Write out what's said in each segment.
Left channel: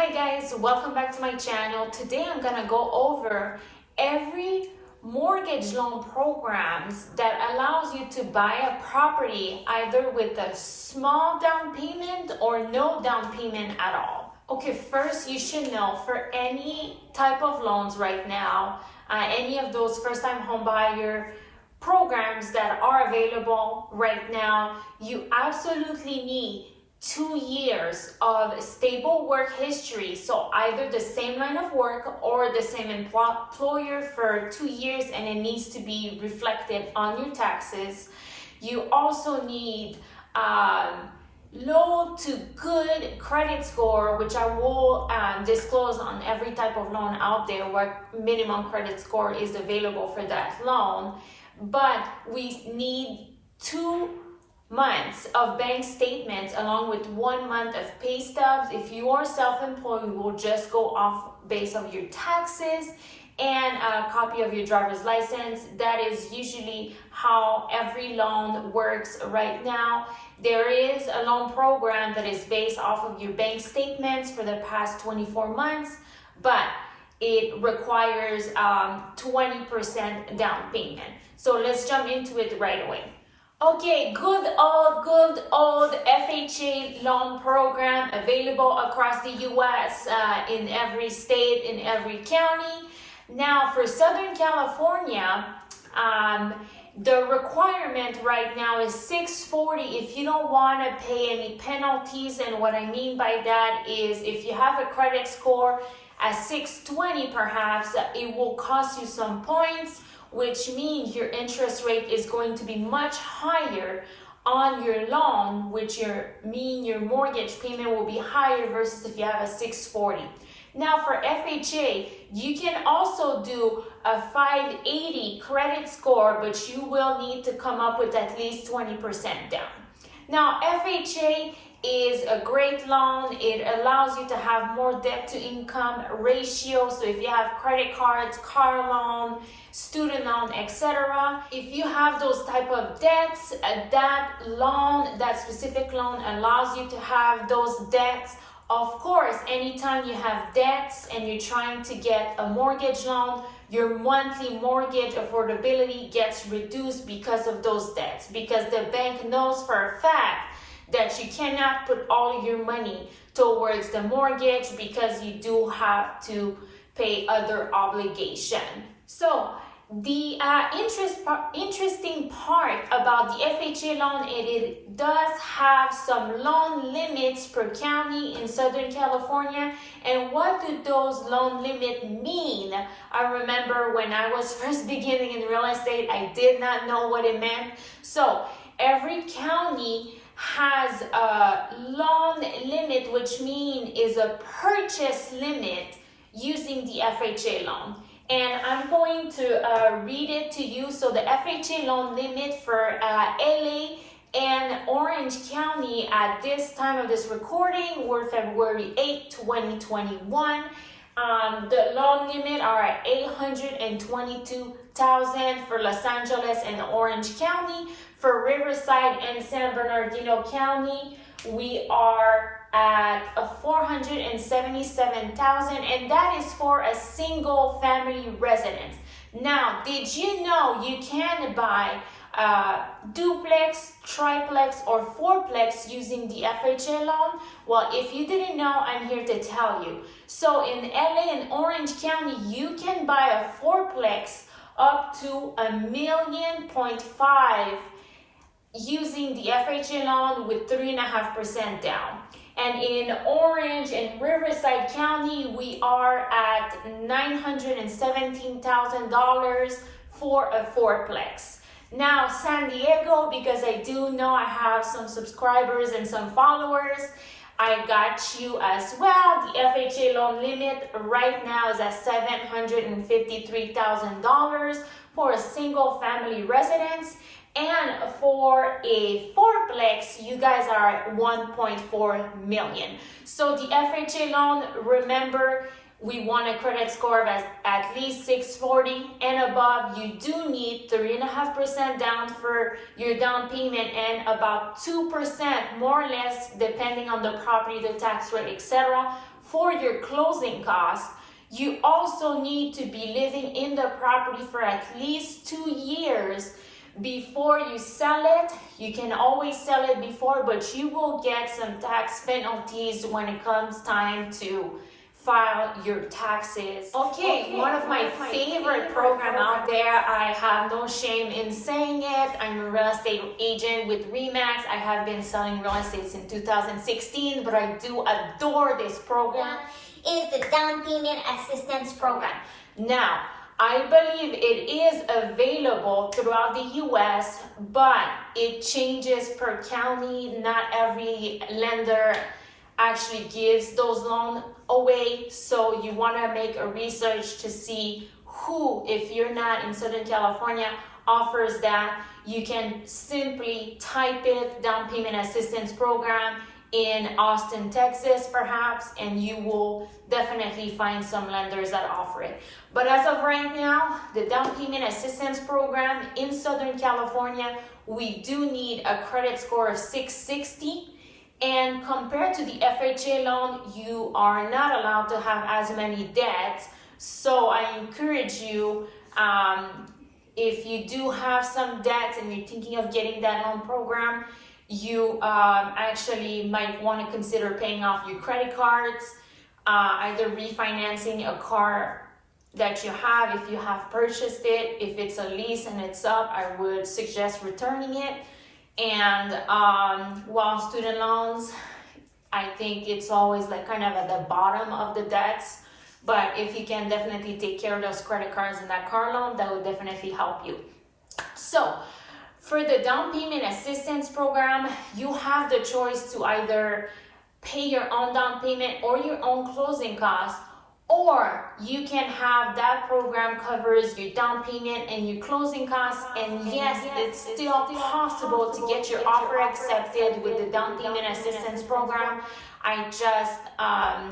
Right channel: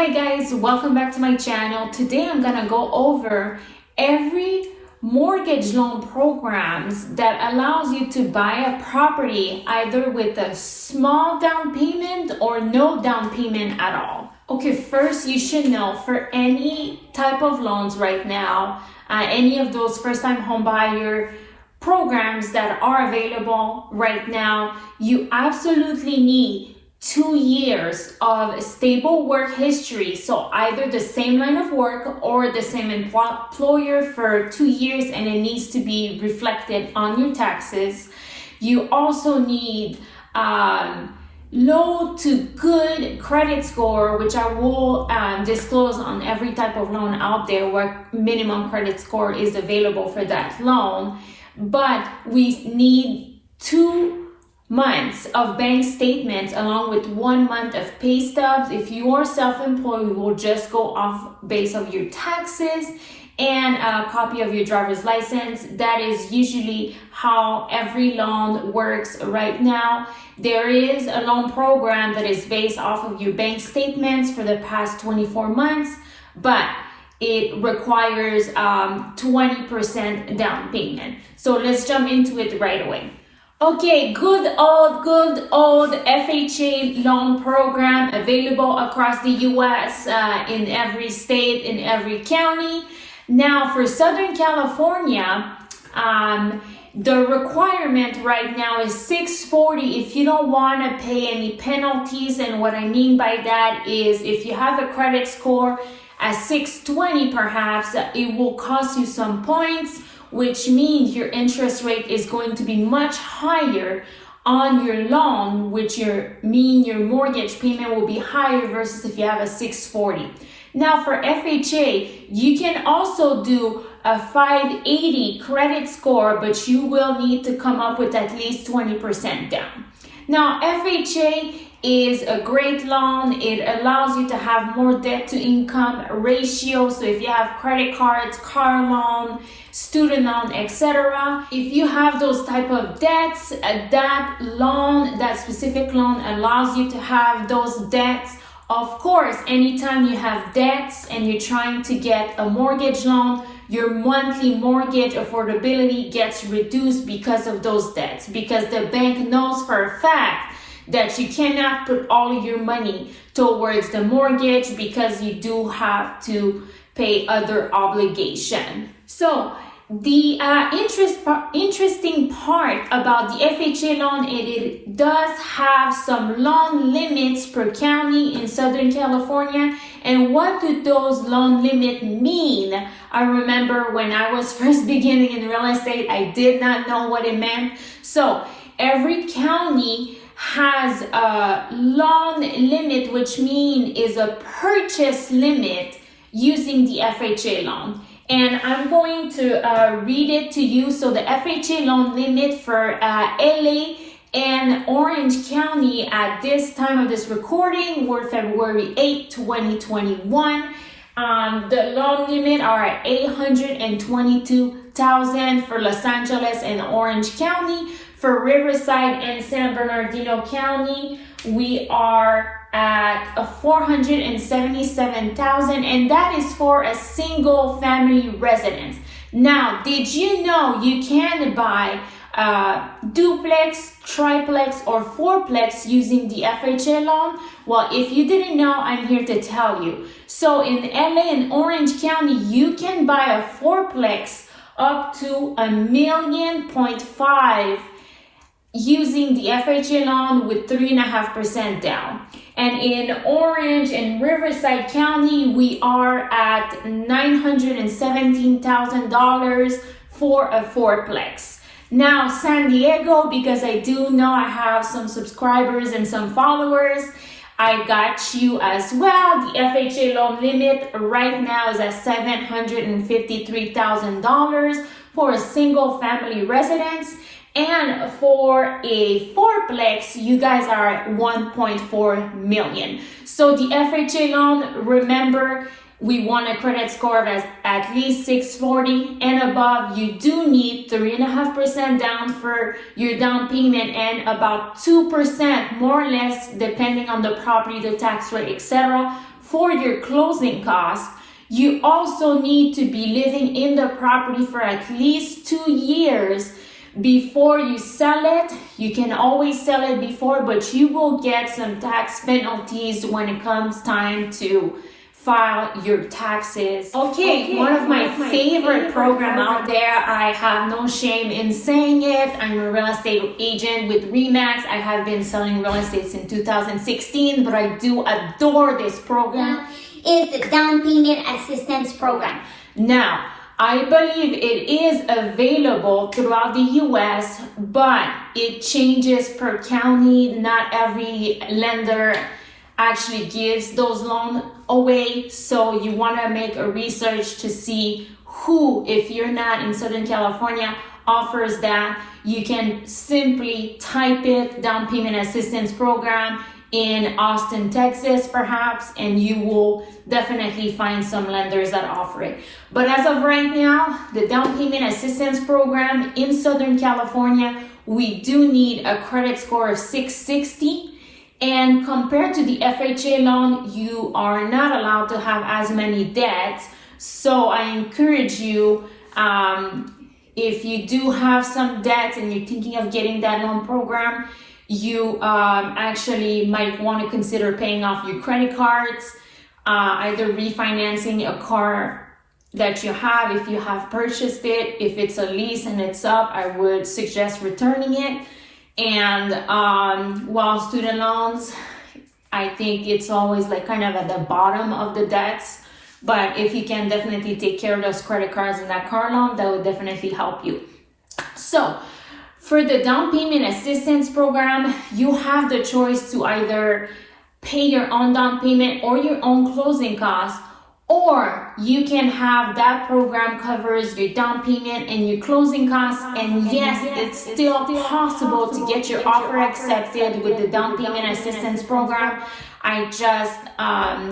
Hi guys, welcome back to my channel. Today I'm gonna go over every mortgage loan programs that allows you to buy a property either with a small down payment or no down payment at all. Okay, first you should know for any type of loans right now, any of those first-time home buyer programs that are available right now, you absolutely need 2 years of stable work history. So either the same line of work or the same employer for 2 years, and it needs to be reflected on your taxes. You also need low to good credit score, which I will disclose on every type of loan out there what minimum credit score is available for that loan. But we need 2 months of bank statements along with 1 month of pay stubs. If you are self-employed, we will just go off base of your taxes and a copy of your driver's license. That is usually how every loan works right now. There is a loan program that is based off of your bank statements for the past 24 months, but it requires 20% down payment. So let's jump into it right away. Okay, good old FHA loan program available across the US in every state, in every county. Now for Southern California, the requirement right now is 640 if you don't want to pay any penalties. And what I mean by that is if you have a credit score at 620 perhaps, it will cost you some points, which means your interest rate is going to be much higher on your loan, which mean your mortgage payment will be higher versus if you have a 640. Now for FHA, you can also do a 580 credit score, but you will need to come up with at least 20% down. Now FHA is a great loan. It allows you to have more debt to income ratio. So if you have credit cards, car loan, student loan, etc., if you have those type of debts, that specific loan allows you to have those debts. Of course, anytime you have debts and you're trying to get a mortgage loan, your monthly mortgage affordability gets reduced because of those debts, because the bank knows for a fact that you cannot put all your money towards the mortgage because you do have to pay other obligation. So the interesting part about the FHA loan, it does have some loan limits per county in Southern California. And what do those loan limits mean? I remember when I was first beginning in real estate, I did not know what it meant. So every county has a loan limit, which means is a purchase limit using the FHA loan. And I'm going to read it to you. So the FHA loan limit for LA and Orange County at this time of this recording were February 8, 2021. The loan limit are $822,000 for Los Angeles and Orange County. For Riverside and San Bernardino County, we are at $477,000, and that is for a single family residence. Now, did you know you can buy duplex, triplex, or fourplex using the FHA loan? Well, if you didn't know, I'm here to tell you. So in LA and Orange County, you can buy a fourplex up to $1.5 million using the FHA loan with 3.5% down. And in Orange and Riverside County, we are at $917,000 for a fourplex. Now San Diego, because I do know I have some subscribers and some followers, I got you as well. The FHA loan limit right now is at $753,000 for a single family residence. And for a fourplex, you guys are at $1.4 million. So the FHA loan, remember, we want a credit score of at least 640 and above. You do need 3.5% down for your down payment and about 2% more or less, depending on the property, the tax rate, etc., for your closing costs. You also need to be living in the property for at least 2 years before you sell it. You can always sell it before, but you will get some tax penalties when it comes time to file your taxes. Okay, one of my favorite program out there. I have no shame in saying it. I'm a real estate agent with RE/MAX. I have been selling real estate since 2016, but I do adore this program. Is the down payment assistance program. Now, I believe it is available throughout the US, but it changes per county. Not every lender actually gives those loans away. So you want to make a research to see who, if you're not in Southern California, offers that. You can simply type it, down payment assistance program, in Austin, Texas, perhaps, and you will definitely find some lenders that offer it. But as of right now, the down payment assistance program in Southern California, we do need a credit score of 660. And compared to the FHA loan, you are not allowed to have as many debts. So I encourage you, if you do have some debts and you're thinking of getting that loan program, you actually might want to consider paying off your credit cards, either refinancing a car that you have if you have purchased it. If it's a lease and it's up, I would suggest returning it. And while student loans, I think it's always like kind of at the bottom of the debts. But if you can definitely take care of those credit cards and that car loan, that would definitely help you. So for the down payment assistance program, you have the choice to either pay your own down payment or your own closing costs, or you can have that program covers your down payment and your closing costs. And yes, it's still possible to get your offer accepted with the down payment assistance program. I just,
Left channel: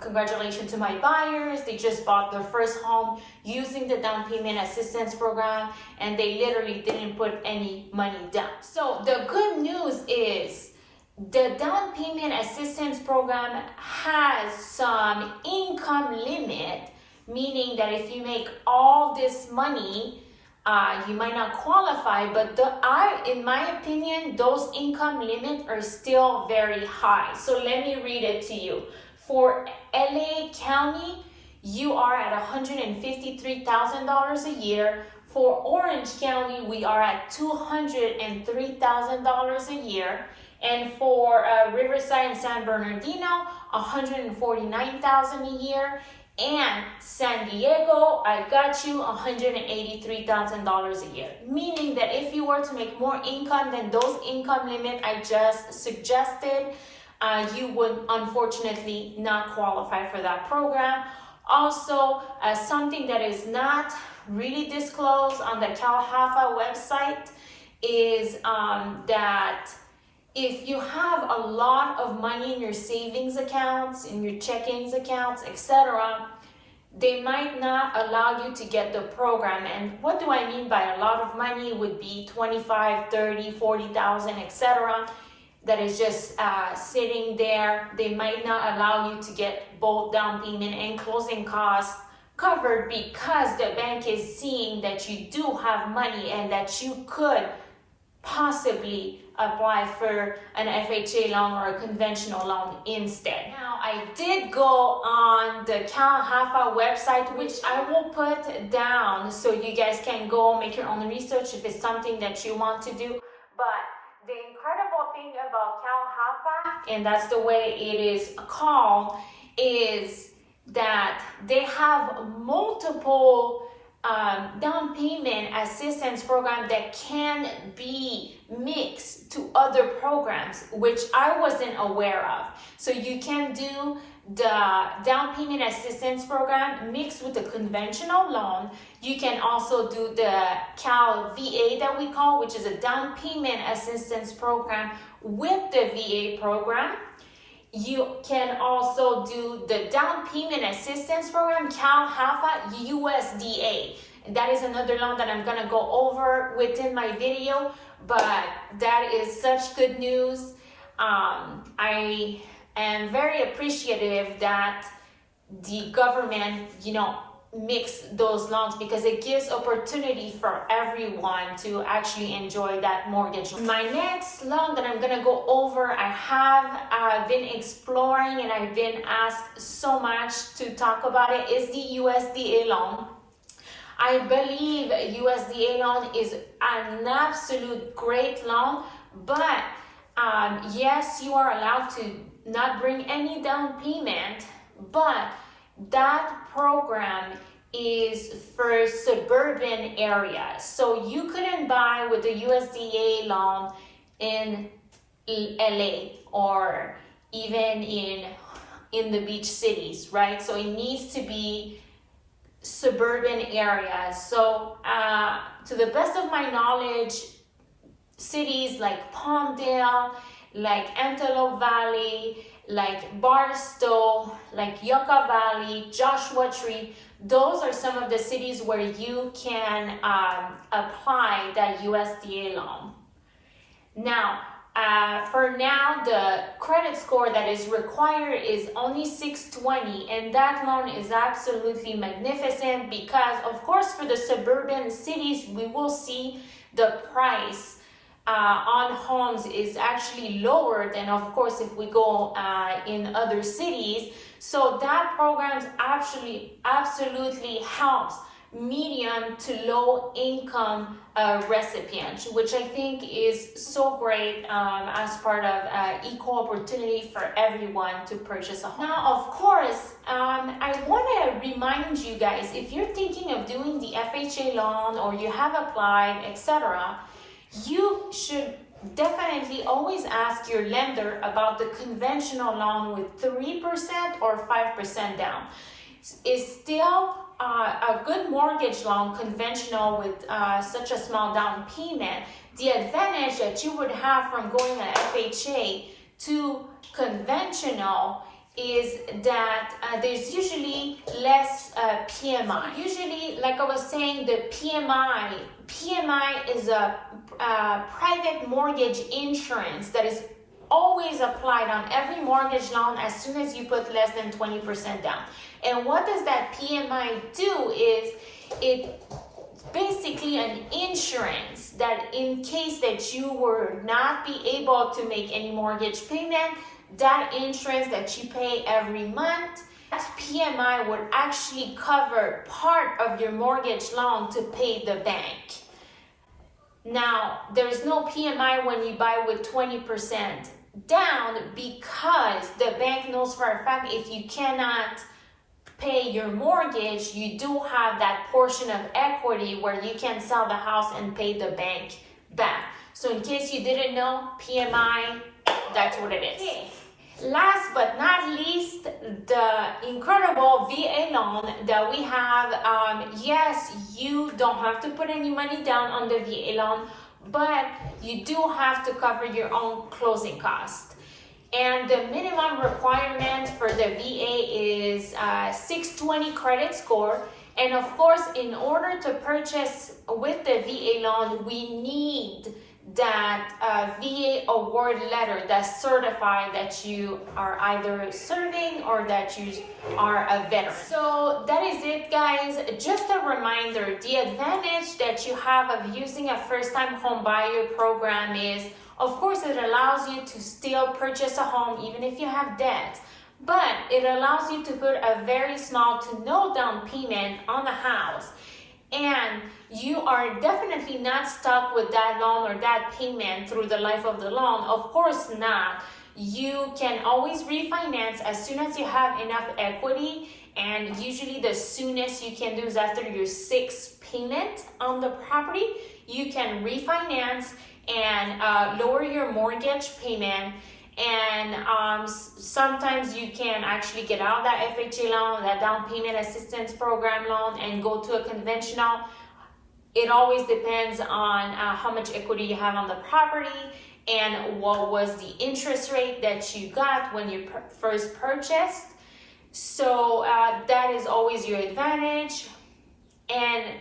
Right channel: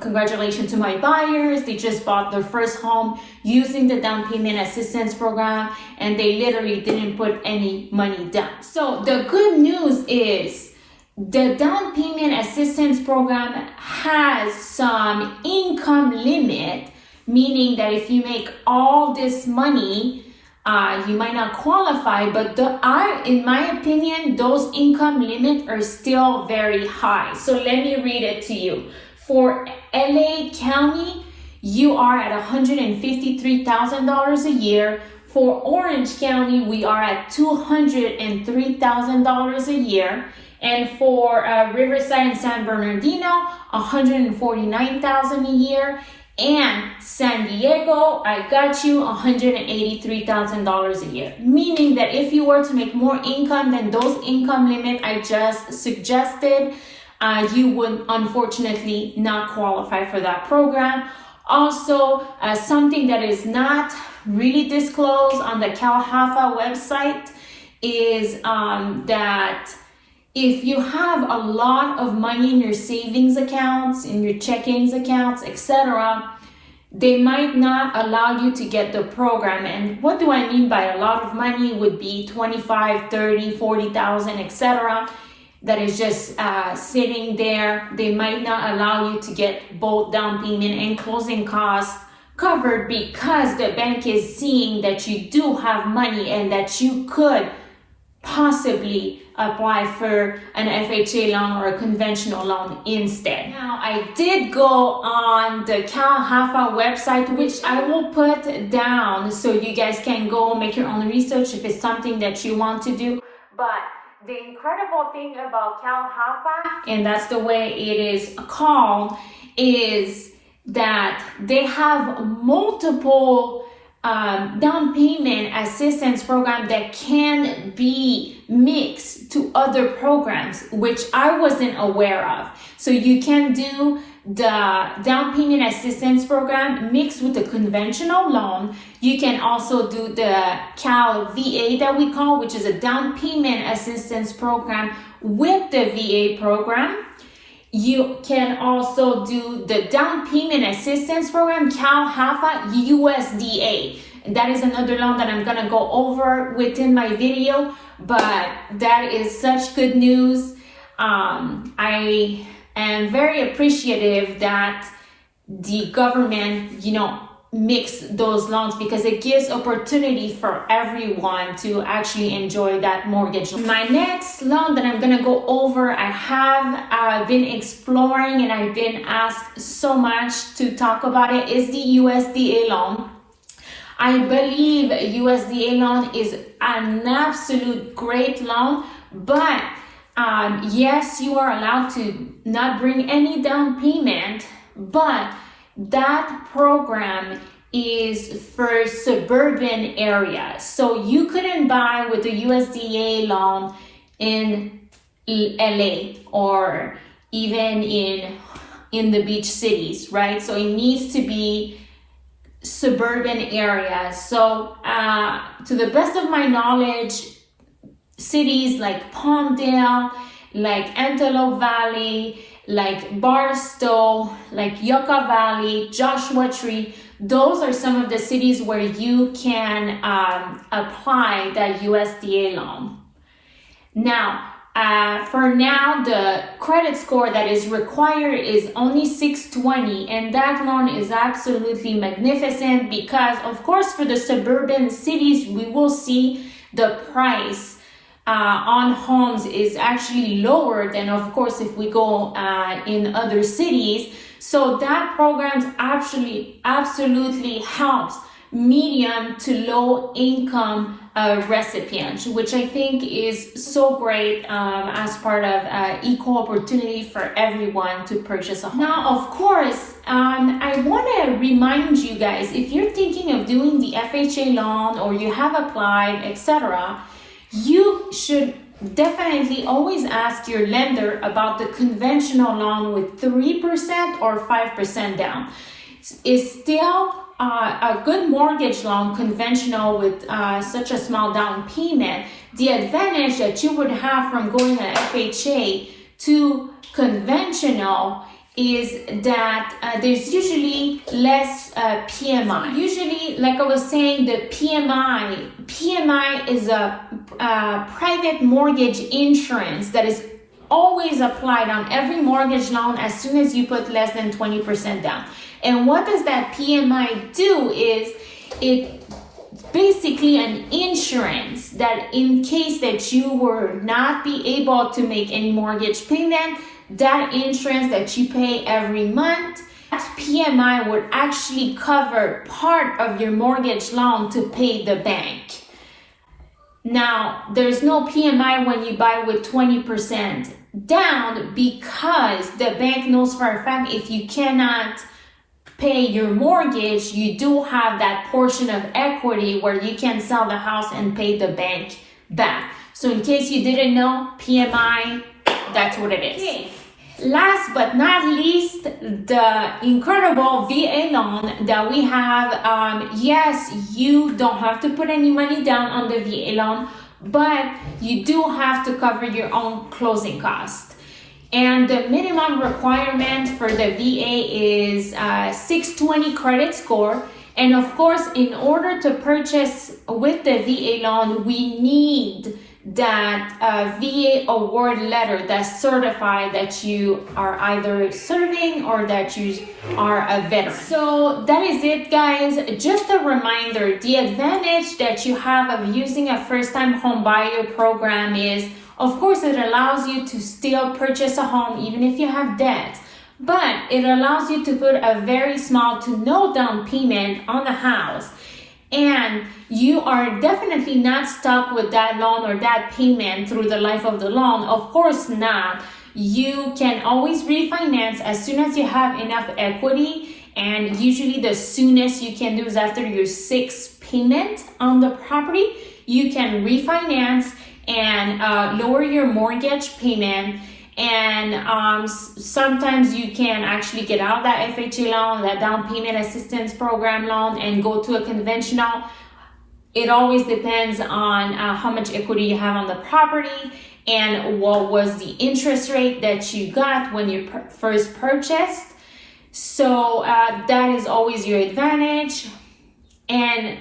congratulations to my buyers. They just bought their first home using the down payment assistance program, and they literally didn't put any money down. So the good news is the down payment assistance program has some income limit, meaning that if you make all this money, you might not qualify, but in my opinion, those income limits are still very high. So let me read it to you. For LA County, you are at $153,000 a year. For Orange County, we are at $203,000 a year. And for Riverside and San Bernardino, $149,000 a year. And San Diego, I got you, $183,000 a year. Meaning that if you were to make more income than those income limit I just suggested, you would unfortunately not qualify for that program. Also, something that is not really disclosed on the CalHFA website is that if you have a lot of money in your savings accounts, in your checkings accounts, etc., they might not allow you to get the program. And what do I mean by a lot of money? Would be 25, 30, 40,000, etc. that is just sitting there. They might not allow you to get both down payment and closing costs covered because the bank is seeing that you do have money and that you could possibly apply for an FHA loan or a conventional loan instead. Now, I did go on the CalHFA website, which I will put down so you guys can go make your own research if it's something that you want to do. But the incredible thing about CalHFA, and that's the way it is called, is that they have multiple down payment assistance program that can be mixed to other programs, which I wasn't aware of. So you can do the down payment assistance program mixed with the conventional loan. You can also do the Cal VA that we call, which is a down payment assistance program with the VA program. You can also do the down payment assistance program, CalHFA USDA. And that is another loan that I'm gonna go over within my video, but that is such good news. I am very appreciative that the government, mix those loans, because it gives opportunity for everyone to actually enjoy that mortgage. My next loan that I'm gonna go over, I have been exploring and I've been asked so much to talk about it, is the USDA loan. I believe USDA loan is an absolute great loan, but yes, you are allowed to not bring any down payment, but that program is for suburban areas. So you couldn't buy with the USDA loan in LA or even in the beach cities, right? So it needs to be suburban areas. So to the best of my knowledge, cities like Palmdale, like Antelope Valley, like Barstow, like Yucca Valley, Joshua Tree, those are some of the cities where you can apply that USDA loan. Now, for now, the credit score that is required is only 620, and that loan is absolutely magnificent because, of course, for the suburban cities, we will see the price on homes is actually lower than, of course, if we go in other cities. So that program absolutely helps medium to low income recipients, which I think is so great as part of equal opportunity for everyone to purchase a home. Now, of course, I want to remind you guys, if you're thinking of doing the FHA loan or you have applied, etc., you should definitely always ask your lender about the conventional loan with 3% or 5% down. It's still a good mortgage loan, conventional, with such a small down payment. The advantage that you would have from going to FHA to conventional is that there's usually less PMI. Usually, like I was saying, the PMI is a private mortgage insurance that is always applied on every mortgage loan as soon as you put less than 20% down. And what does that PMI do is it's basically an insurance that in case that you were not be able to make any mortgage payment, that insurance that you pay every month, that PMI would actually cover part of your mortgage loan to pay the bank. Now, there's no PMI when you buy with 20% down because the bank knows for a fact if you cannot pay your mortgage, you do have that portion of equity where you can sell the house and pay the bank back. So in case you didn't know, PMI, that's what it is. Okay. Last but not least, the incredible VA loan that we have. Yes, you don't have to put any money down on the VA loan, but you do have to cover your own closing costs. And the minimum requirement for the VA is 620 credit score. And of course, in order to purchase with the VA loan, we need that VA award letter that's certified that you are either serving or that you are a veteran. So that is it, guys. Just a reminder, the advantage that you have of using a first-time home buyer program is, of course, it allows you to still purchase a home even if you have debt, but it allows you to put a very small to no down payment on the house. And you are definitely not stuck with that loan or that payment through the life of the loan. Of course not. You can always refinance as soon as you have enough equity. And usually the soonest you can do is after your 6th payment on the property. You can refinance and lower your mortgage payment. And sometimes you can actually get out of that FHA loan, that down payment assistance program loan, and go to a conventional. It always depends on how much equity you have on the property and what was the interest rate that you got when you first purchased. So that is always your advantage. And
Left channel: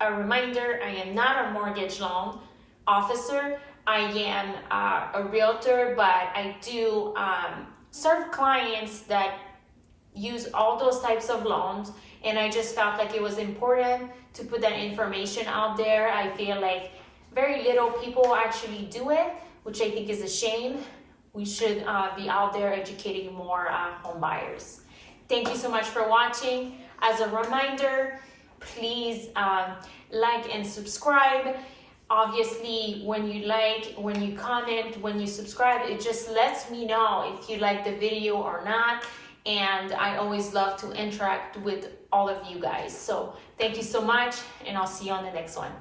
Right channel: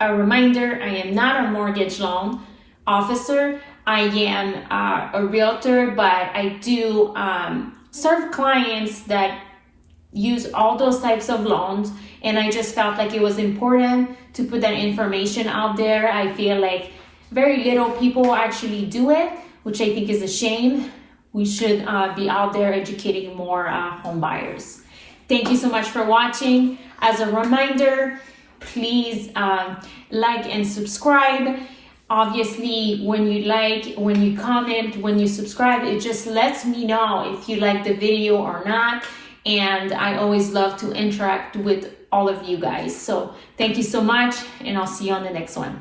a reminder, I am not a mortgage loan officer. I am a realtor, but I do serve clients that use all those types of loans, and I just felt like it was important to put that information out there. I feel like very little people actually do it, which I think is a shame. We should be out there educating more home buyers. Thank you so much for watching. As a reminder, please like and subscribe. Obviously, when you like, when you comment, when you subscribe, it just lets me know if you like the video or not. And I always love to interact with all of you guys. So thank you so much, and I'll see you on the next one.